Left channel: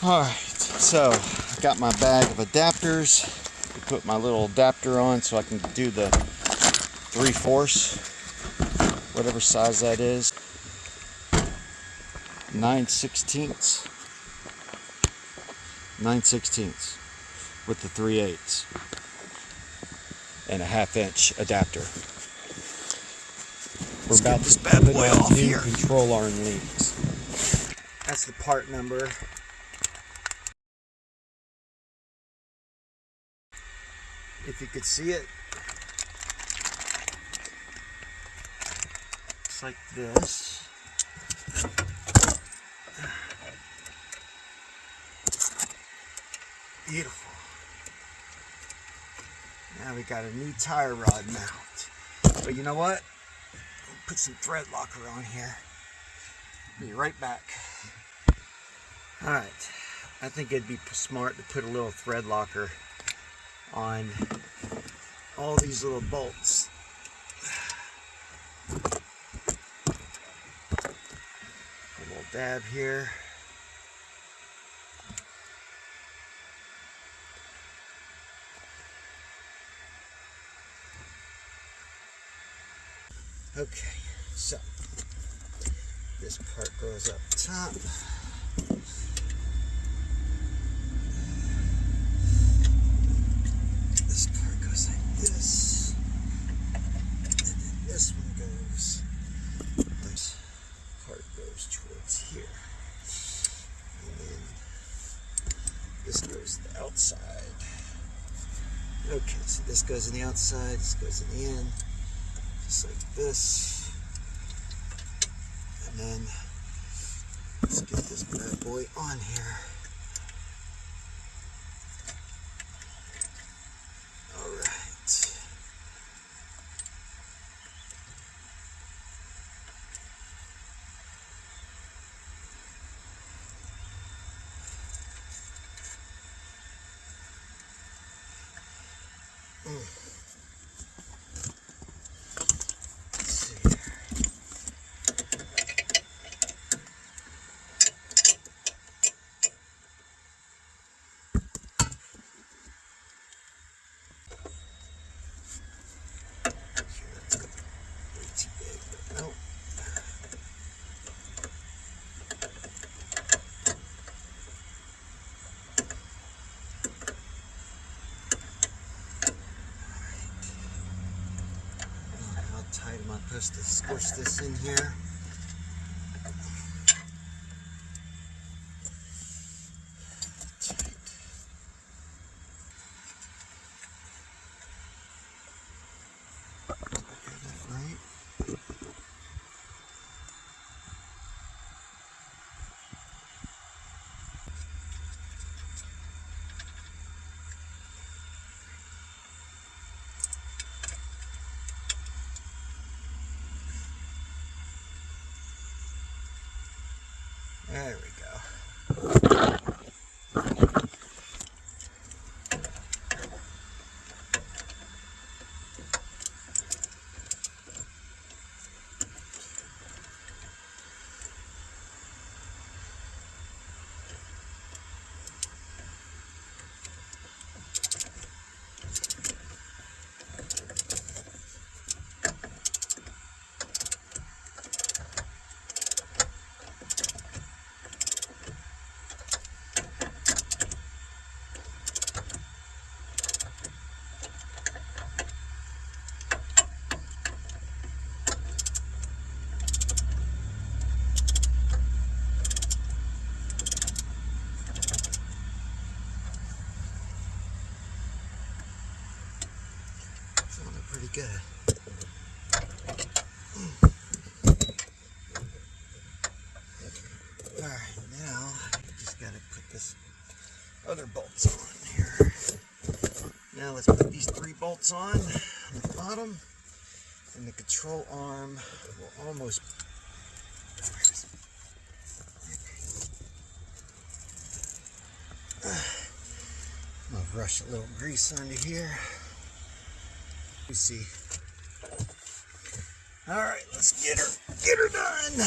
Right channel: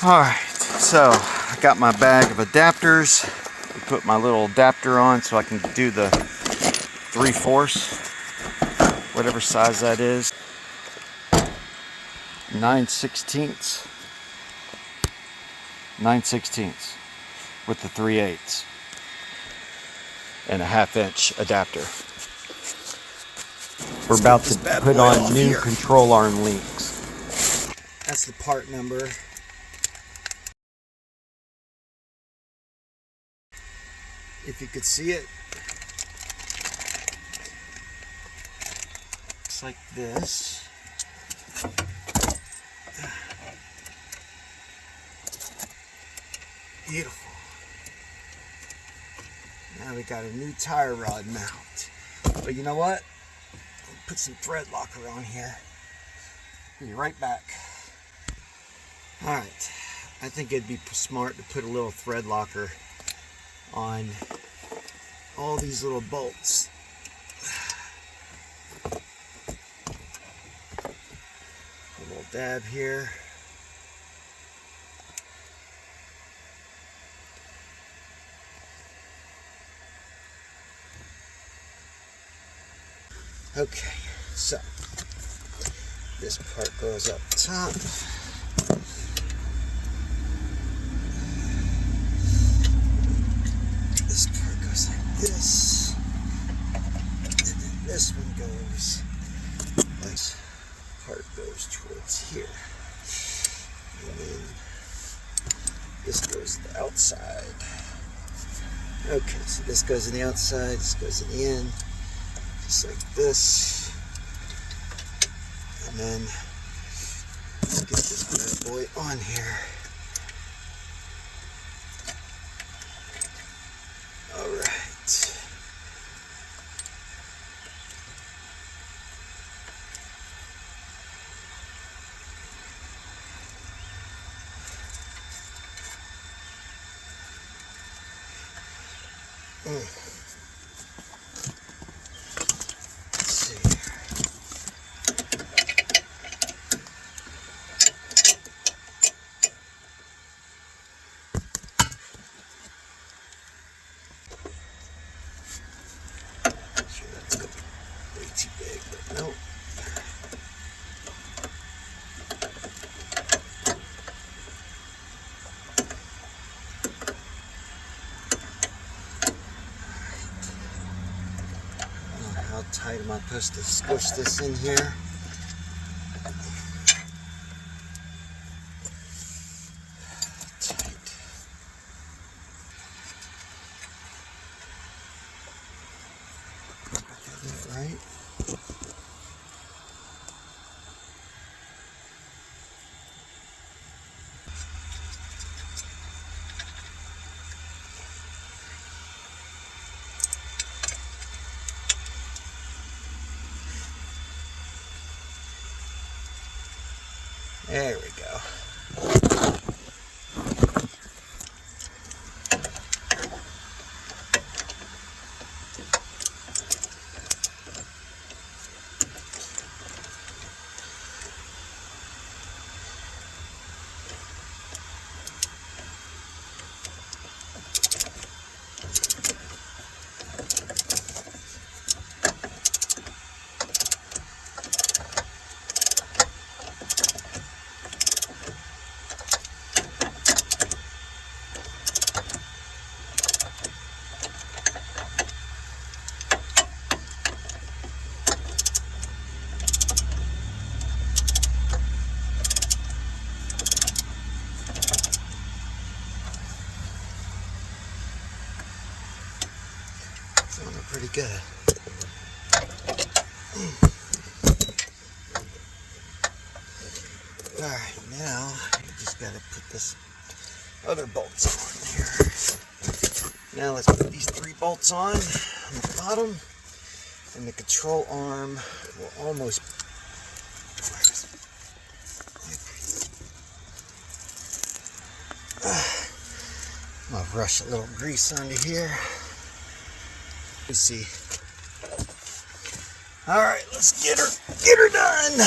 Alright, so I got my bag of adapters. I put my little adapter on so I can do the 3/4, whatever size that is. 9/16, 9/16 with the 3/8 and a 1/2 inch adapter. We're about to put on new control arm links. That's the part number. If you could see it, it's like this. Beautiful. Now we got a new tire rod mount. But you know what? Put some thread locker on here. Be right back. Alright, I think it'd be smart to put a little thread locker on all these little bolts. A little dab here. Okay, so this part goes up top. This part goes like this. And then this one goes, this part goes towards here. And then this goes to the outside. Okay, so this goes in the outside, this goes in the end. Just like this, and then let's get this bad boy on here. All right. How tight am I supposed to squish this in here? Tight. Right? There we go. Pretty good. Alright, now you just gotta put this other bolts on here. Now let's put these 3 bolts on the bottom, and the control arm will almost. I'll rush a little grease onto here. Let's see. All right, let's get her done.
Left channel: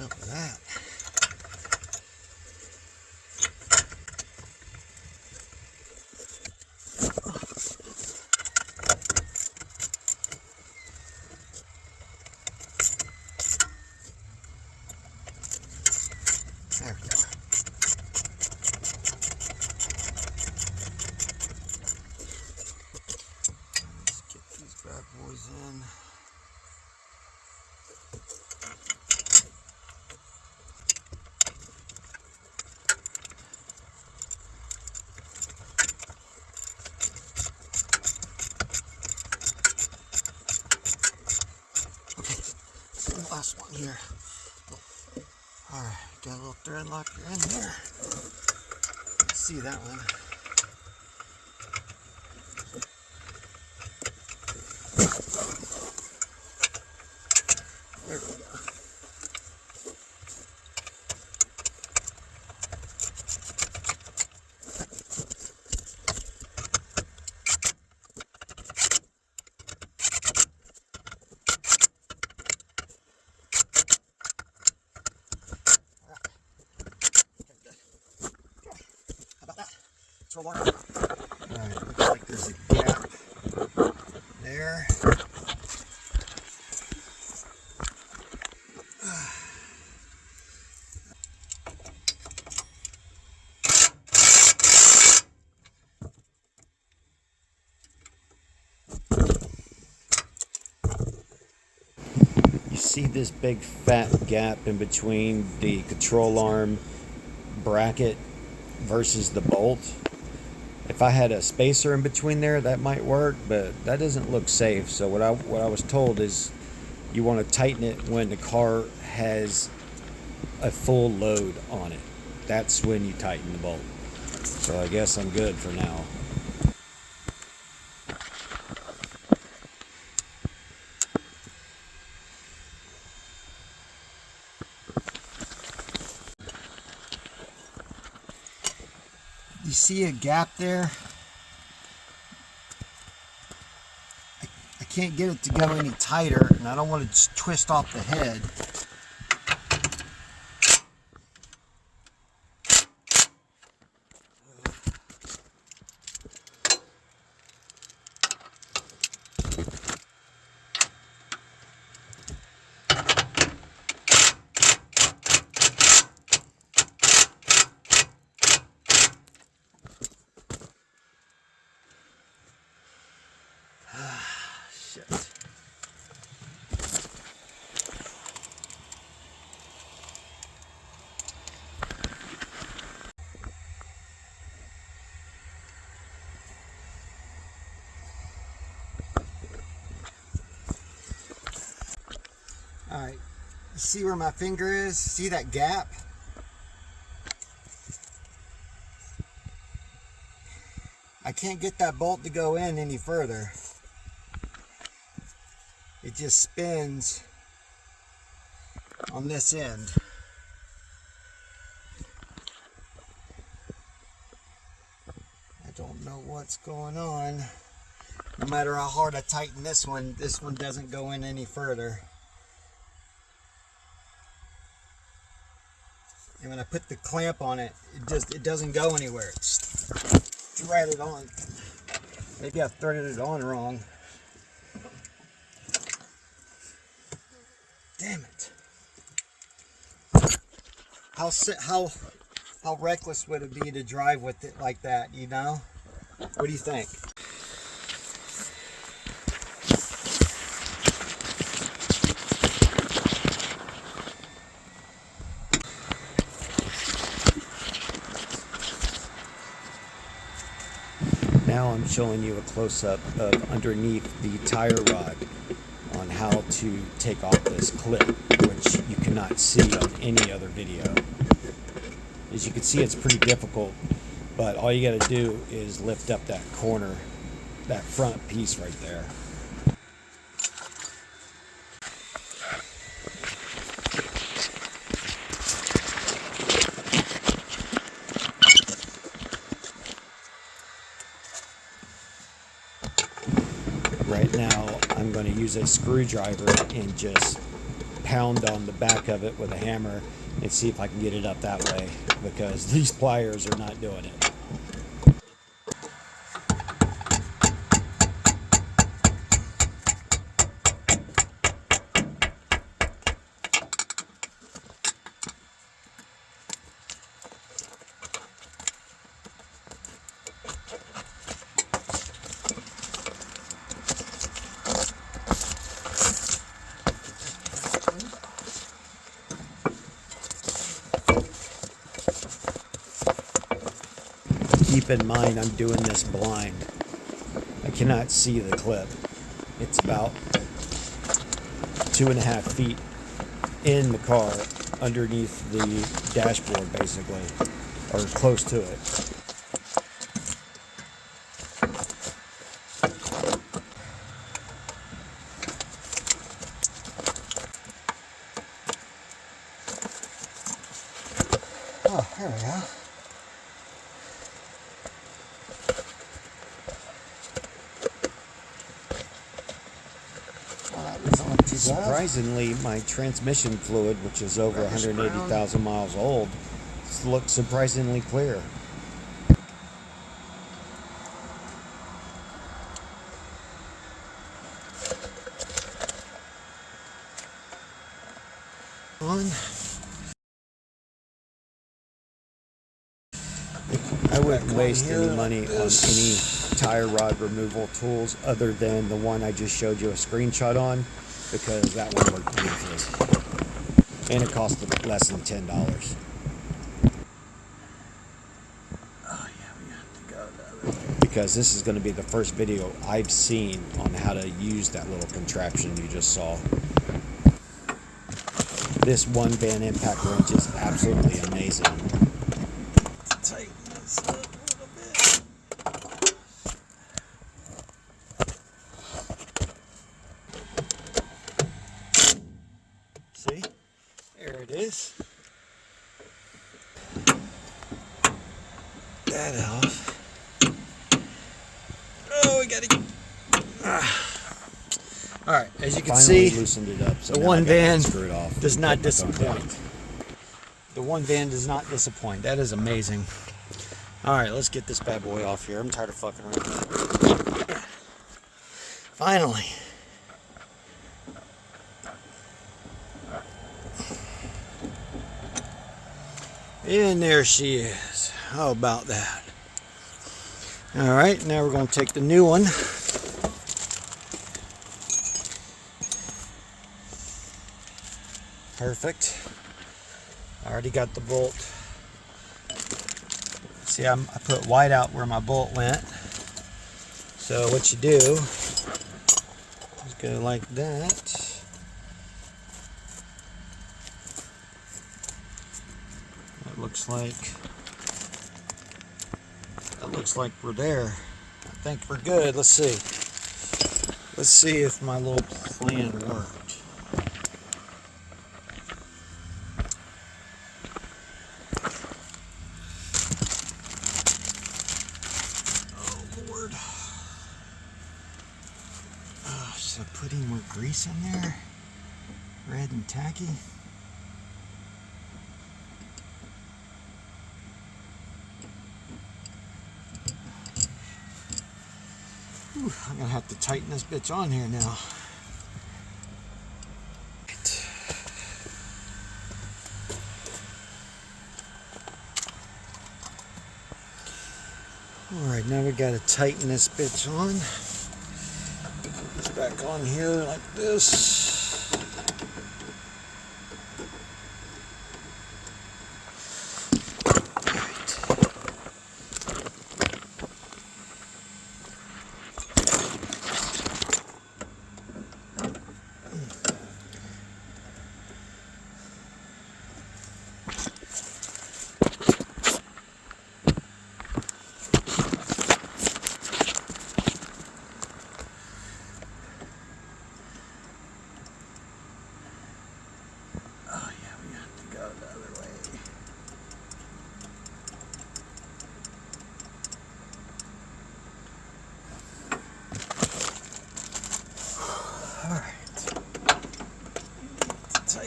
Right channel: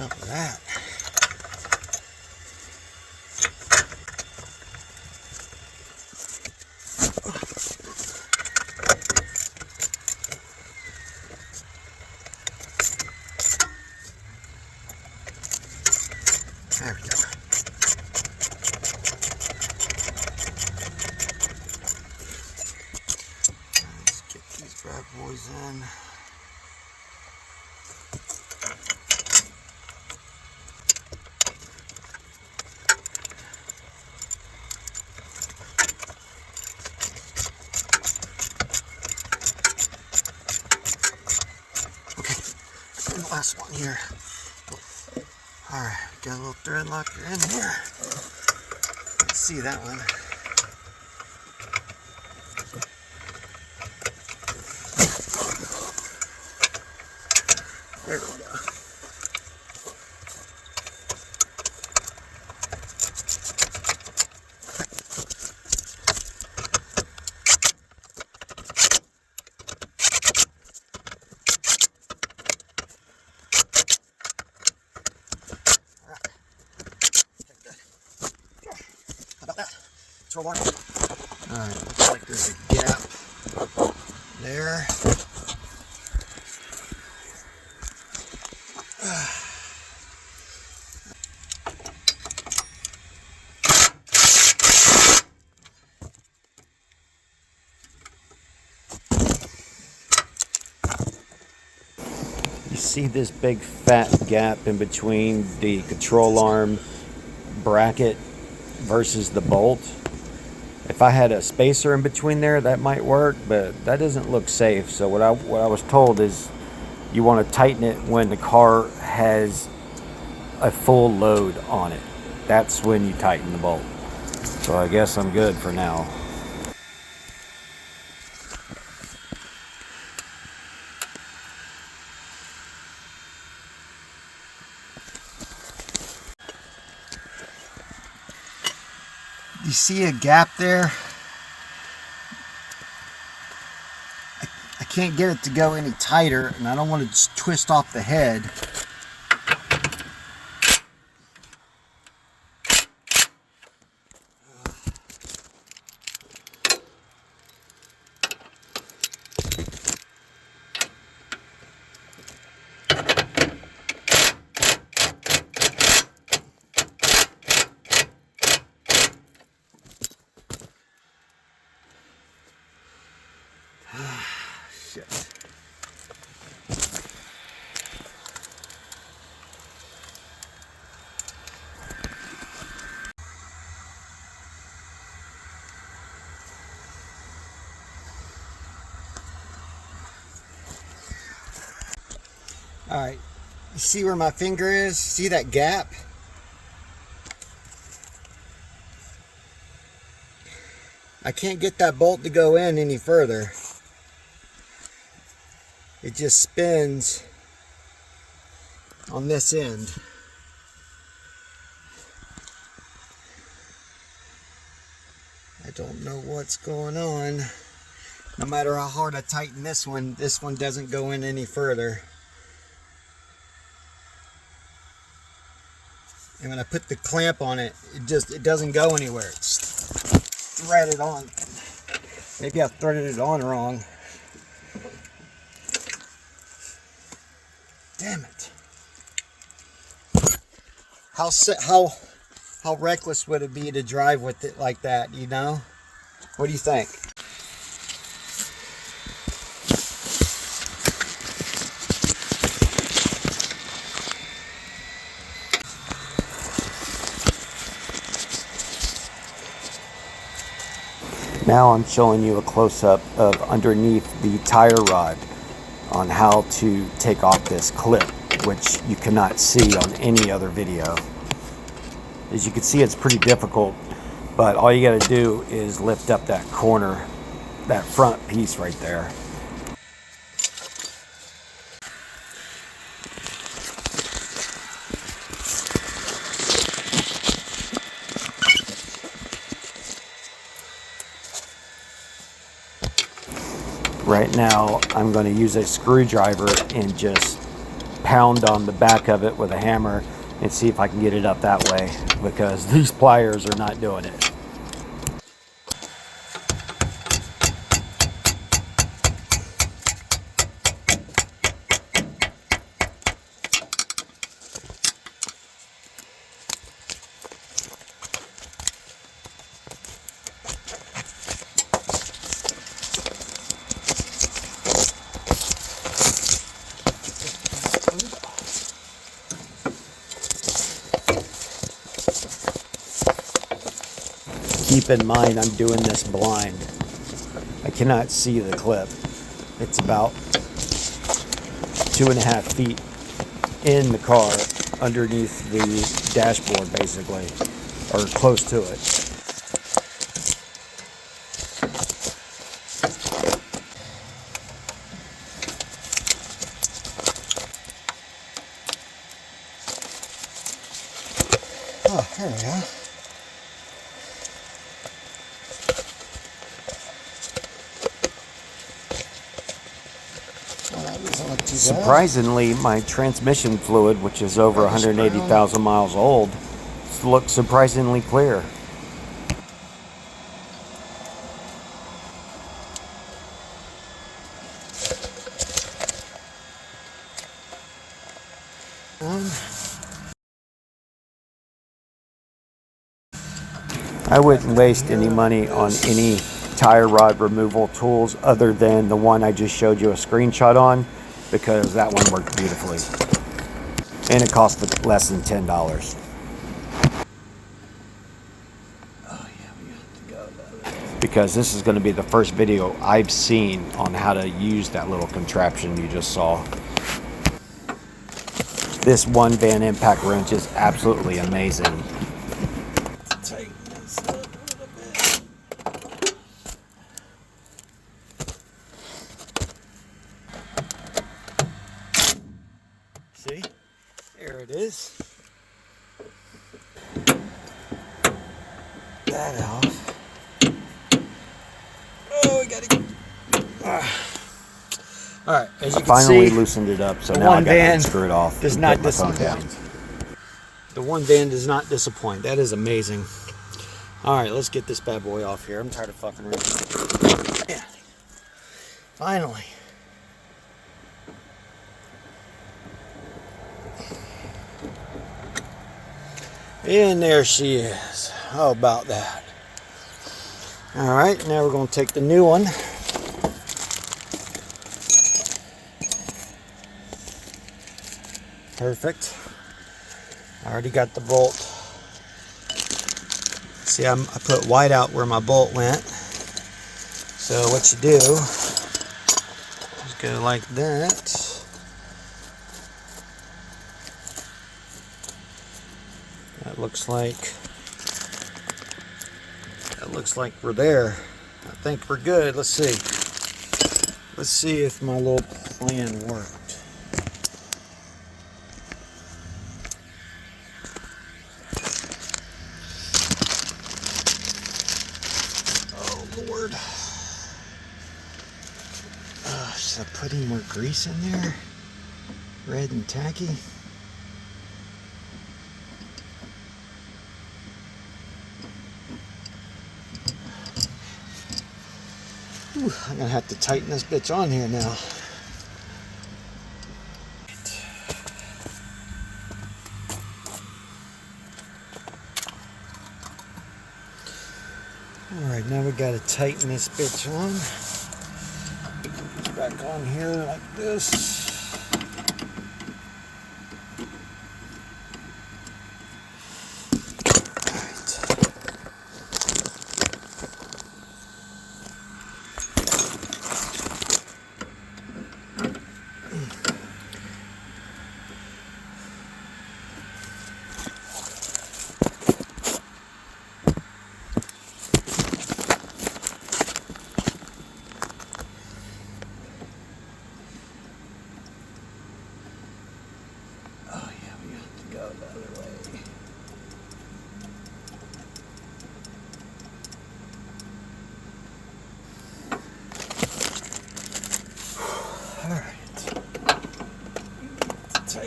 What's up with that? There we go. Let's get these bad boys in. Okay, and the last one here. Alright, got a little thread locker in here. Let's see that one. There we go. Throw one. Alright, looks like there's a gap there. You see this big fat gap in between the control arm bracket versus the bolt? If I had a spacer in between there, that might work, but that doesn't look safe. So what I was told is you want to tighten it when the car has a full load on it. That's when you tighten the bolt. So I guess I'm good for now. You see a gap there? I can't get it to go any tighter, and I don't want to just twist off the head. Shit. All right, you see where my finger is? See that gap? I can't get that bolt to go in any further. It just spins on this end. I don't know what's going on. No matter how hard I tighten this one doesn't go in any further. And when I put the clamp on it, it doesn't go anywhere. It's threaded on. Maybe I threaded it on wrong. Damn it. How reckless would it be to drive with it like that, you know? What do you think? Now I'm showing you a close-up of underneath the tire rod on how to take off this clip, which you cannot see on any other video. As you can see, it's pretty difficult, but all you got to do is lift up that corner, that front piece right there. Right now, I'm going to use a screwdriver and just pound on the back of it with a hammer and see if I can get it up that way, because these pliers are not doing it. Keep in mind, I'm doing this blind. I cannot see the clip. It's about 2.5 feet in the car, underneath the dashboard, basically, or close to it. Oh, there we go. Surprisingly, my transmission fluid, which is over 180,000 miles old, looks surprisingly clear. I wouldn't waste any money on any tire rod removal tools other than the one I just showed you a screenshot on, because that one worked beautifully. And it cost less than $10. Oh yeah, we have to go the other way. Because this is going to be the first video I've seen on how to use that little contraption you just saw. This one van impact wrench is absolutely amazing. Tighten this up a little bit. See? There it is. That off. Oh, we gotta get. All right, as you can Finally see, loosened it up, so the now I one got to van screw it off. does and not put my phone down. disappoint. The one van does not disappoint. That is amazing. All right, let's get this bad boy off here. I'm tired of fucking around. Yeah. Finally. And there she is. How about that? All right, now we're going to take the new one. Perfect. I already got the bolt. See, I put white out where my bolt went. So what you do is go like that. That looks like we're there. I think we're good. Let's see. Let's see if my little plan worked. Lord. Should I put any more grease in there? Red and tacky. Ooh, I'm gonna have to tighten this bitch on here now. Alright, now we gotta tighten this bitch on. It's back on here like this.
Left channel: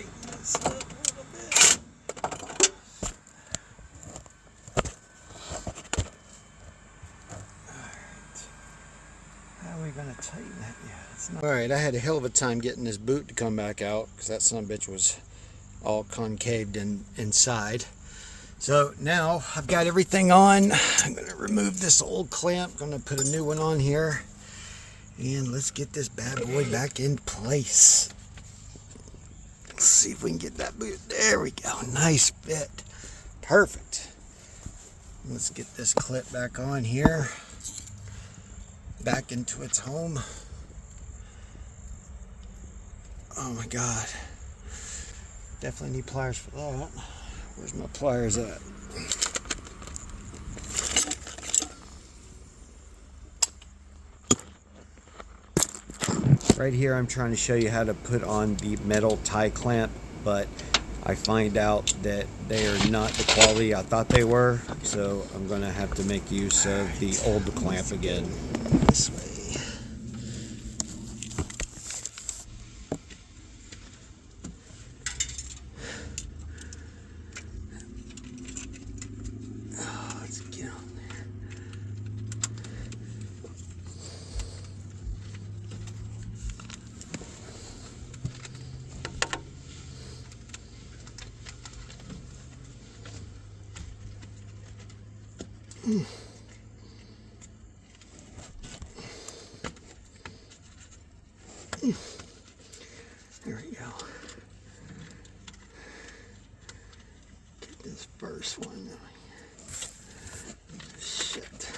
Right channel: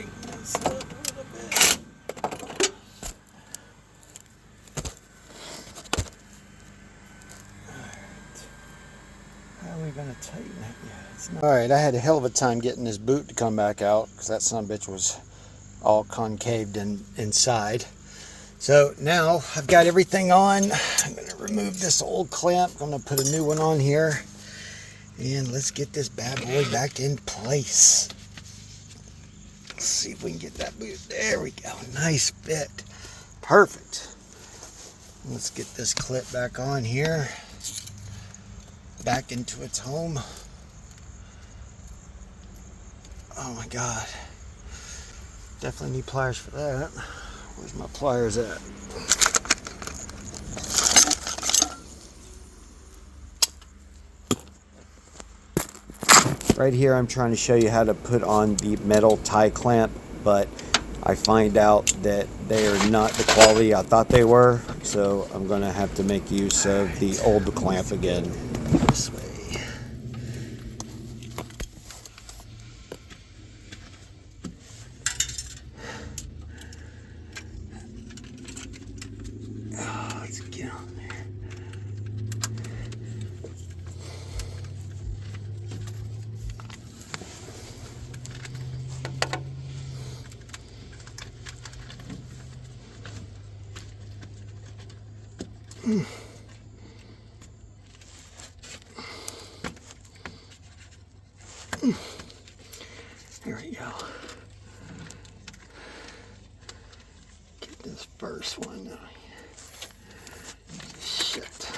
tighten this up a little bit. Alright. How are we going to tighten that? Yeah, it's not. Alright, I had a hell of a time getting this boot to come back out because that son of a bitch was all concaved inside. So now I've got everything on. I'm going to remove this old clamp. I'm going to put a new one on here. And let's get this bad boy back in place. Let's see if we can get that boot. There we go. Nice fit. Perfect. Let's get this clip back on here. Back into its home. Oh my God. Definitely need pliers for that. Where's my pliers at? Right here I'm trying to show you how to put on the metal tie clamp, but I find out that they are not the quality I thought they were, so I'm going to have to make use of the old clamp again. This way. Let's get on there. There we go. Get this first one down here. Shit.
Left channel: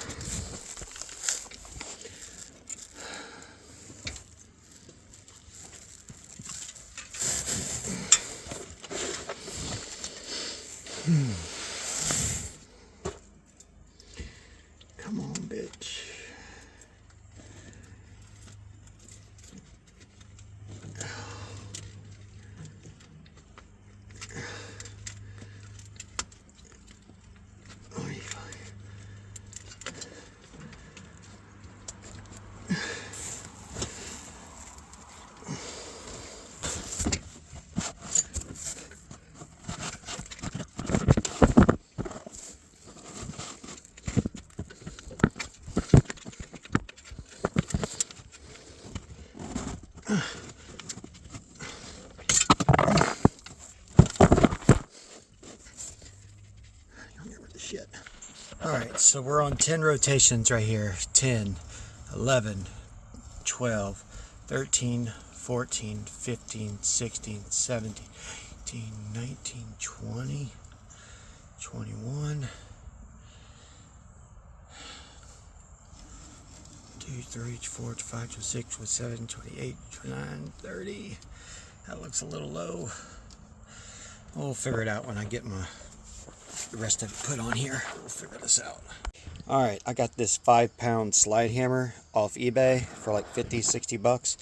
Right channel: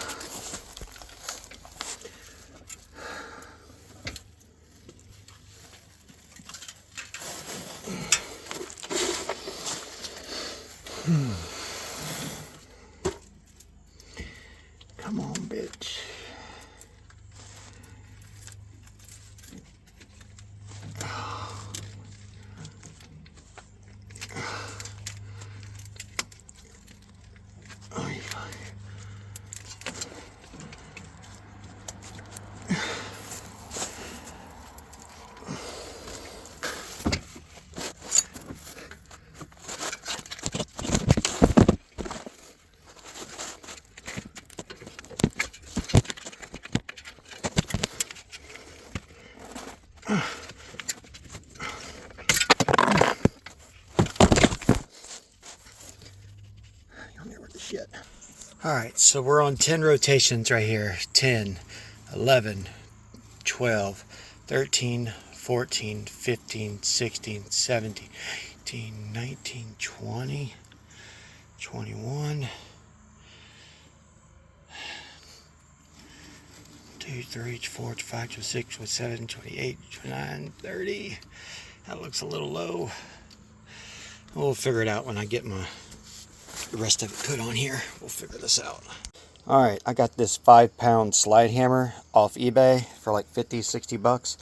Come on, bitch. Oh, yeah. Shit. All right, so we're on 10 rotations right here. 10, 11, 12, 13, 14, 15, 16, 17, 18, 19, 20, 21, 2, 3, 4, 5, 6, 7, 28, 29, 30. That looks a little low. We'll figure it out when I get the rest of it put on here. We'll figure this out. All right, I got this 5-pound slide hammer off eBay for like 50, 60 bucks.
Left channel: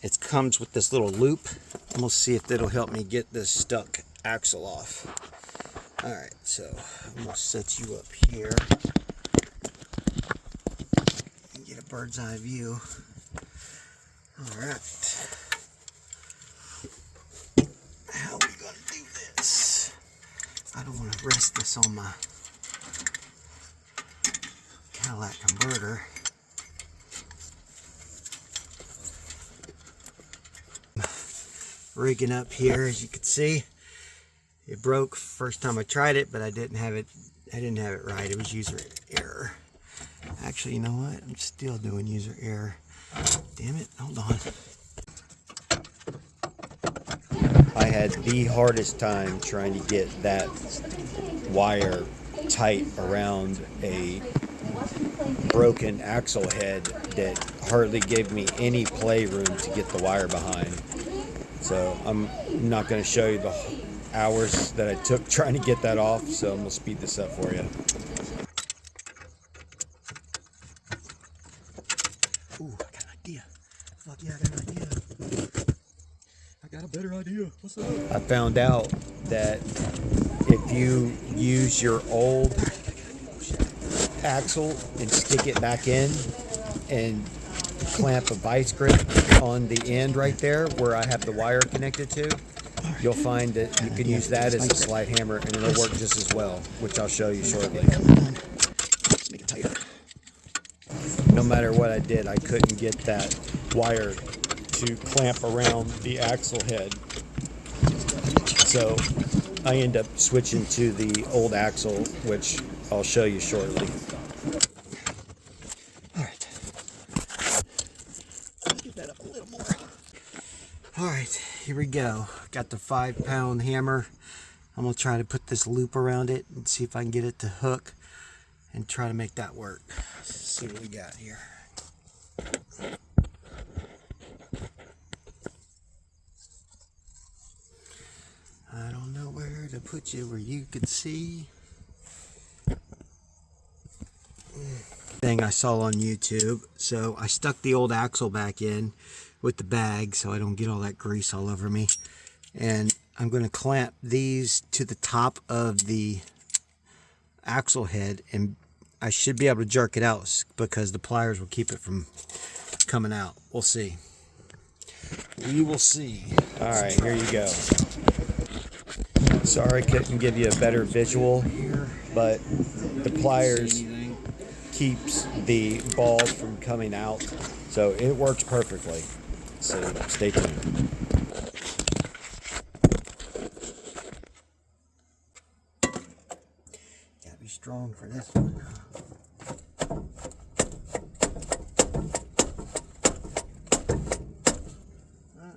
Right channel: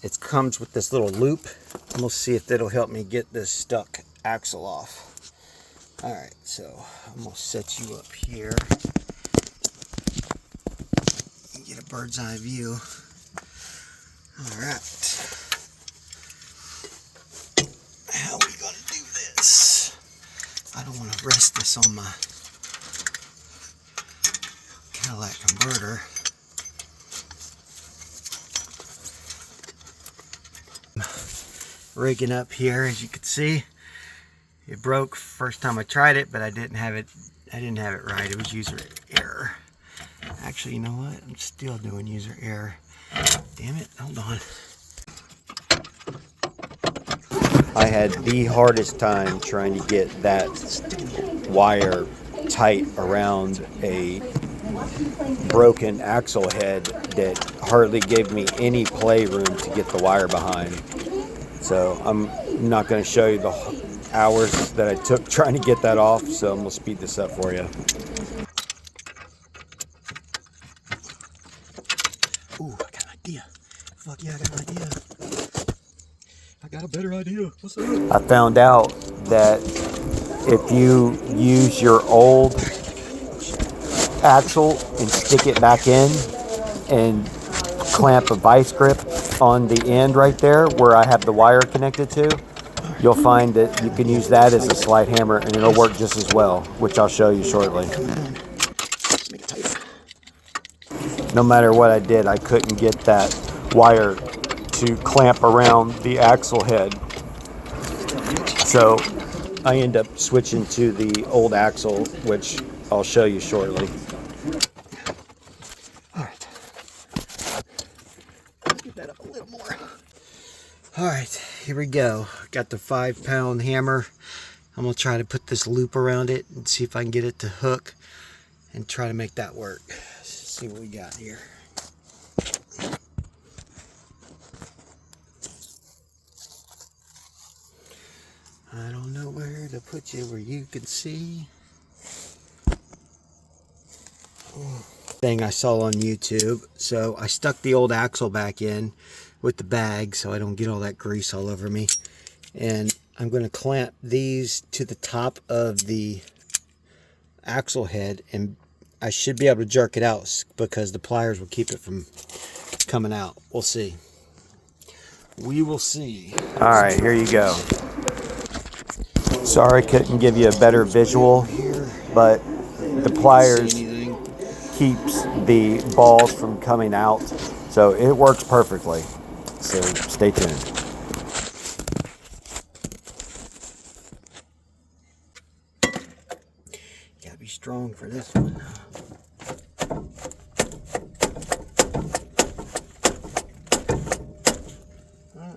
It comes with this little loop. And we'll see if it'll help me get this stuck axle off. All right, so I'm gonna set you up here and get a bird's eye view. All right. How are we gonna do this? I don't want to rest this on my Cadillac converter. Rigging up here, as you can see. It broke first time I tried it, but I didn't have it right. It was user error. Actually, you know what? I'm still doing user error. Damn it, hold on. I had the hardest time trying to get that wire tight around a broken axle head that hardly gave me any play room to get the wire behind. So I'm not going to show you the hours that I took trying to get that off, so I'm going to speed this up for you. Ooh, I got an idea. Fuck yeah, I got an idea. I got a better idea. What's up? I found out that if you use your old axle and stick it back in and clamp a vice grip on the end right there where I have the wire connected to, you'll find that you can use that as a slide hammer and it'll work just as well, which I'll show you shortly. Make it tight. No matter what I did, I couldn't get that wire to clamp around the axle head. So I end up switching to the old axle, which I'll show you shortly. All right. Get that up a little more. All right, here we go. Got the 5-pound hammer. I'm gonna try to put this loop around it and see if I can get it to hook and try to make that work. Let's see what we got here. I don't know where to put you where you can see. Thing I saw on YouTube. So I stuck the old axle back in with the bag so I don't get all that grease all over me. And I'm going to clamp these to the top of the axle head, and I should be able to jerk it out because the pliers will keep it from coming out. We'll see. We will see. All right, here you go. Sorry I couldn't give you a better visual, but the pliers keeps the balls from coming out, so it works perfectly. So stay tuned. Gotta be strong for this one.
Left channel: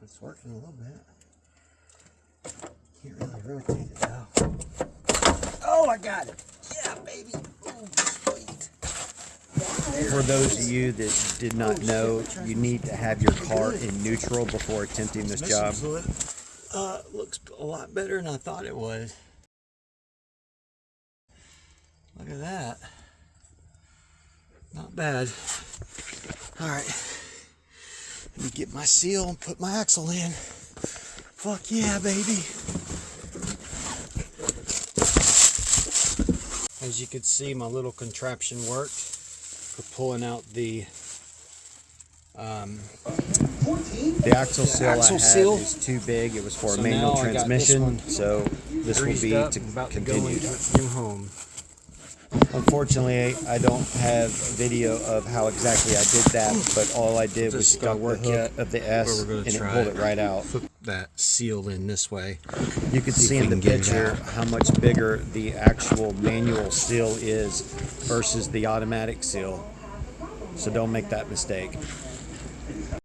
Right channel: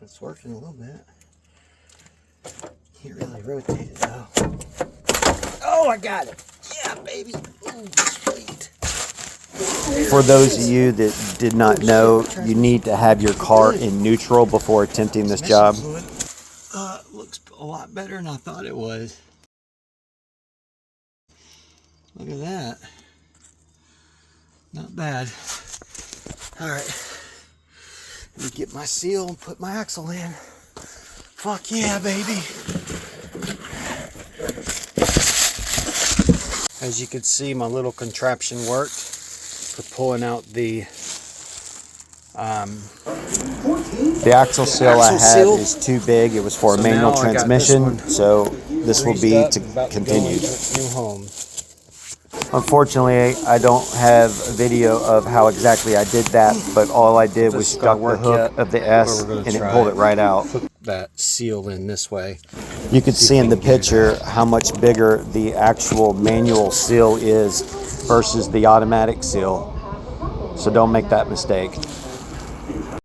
It's working a little bit. Can't really rotate it though. Oh, I got it. Yeah, baby. Ooh, sweet. For those of you that did not know, you need to have your car in neutral before attempting this job. Looks a lot better than I thought it was. Look at that. Not bad. All right. Let me get my seal and put my axle in. Fuck yeah, baby. As you can see, my little contraption worked for pulling out the axle seal I had is too big. It was for a manual transmission, so this will be to continued. New home. Unfortunately, I don't have a video of how exactly I did that, but all I did was stuck the hook of the S and it pulled it right out. Put that seal in this way. You can see in the picture how much bigger the actual manual seal is versus the automatic seal. So don't make that mistake.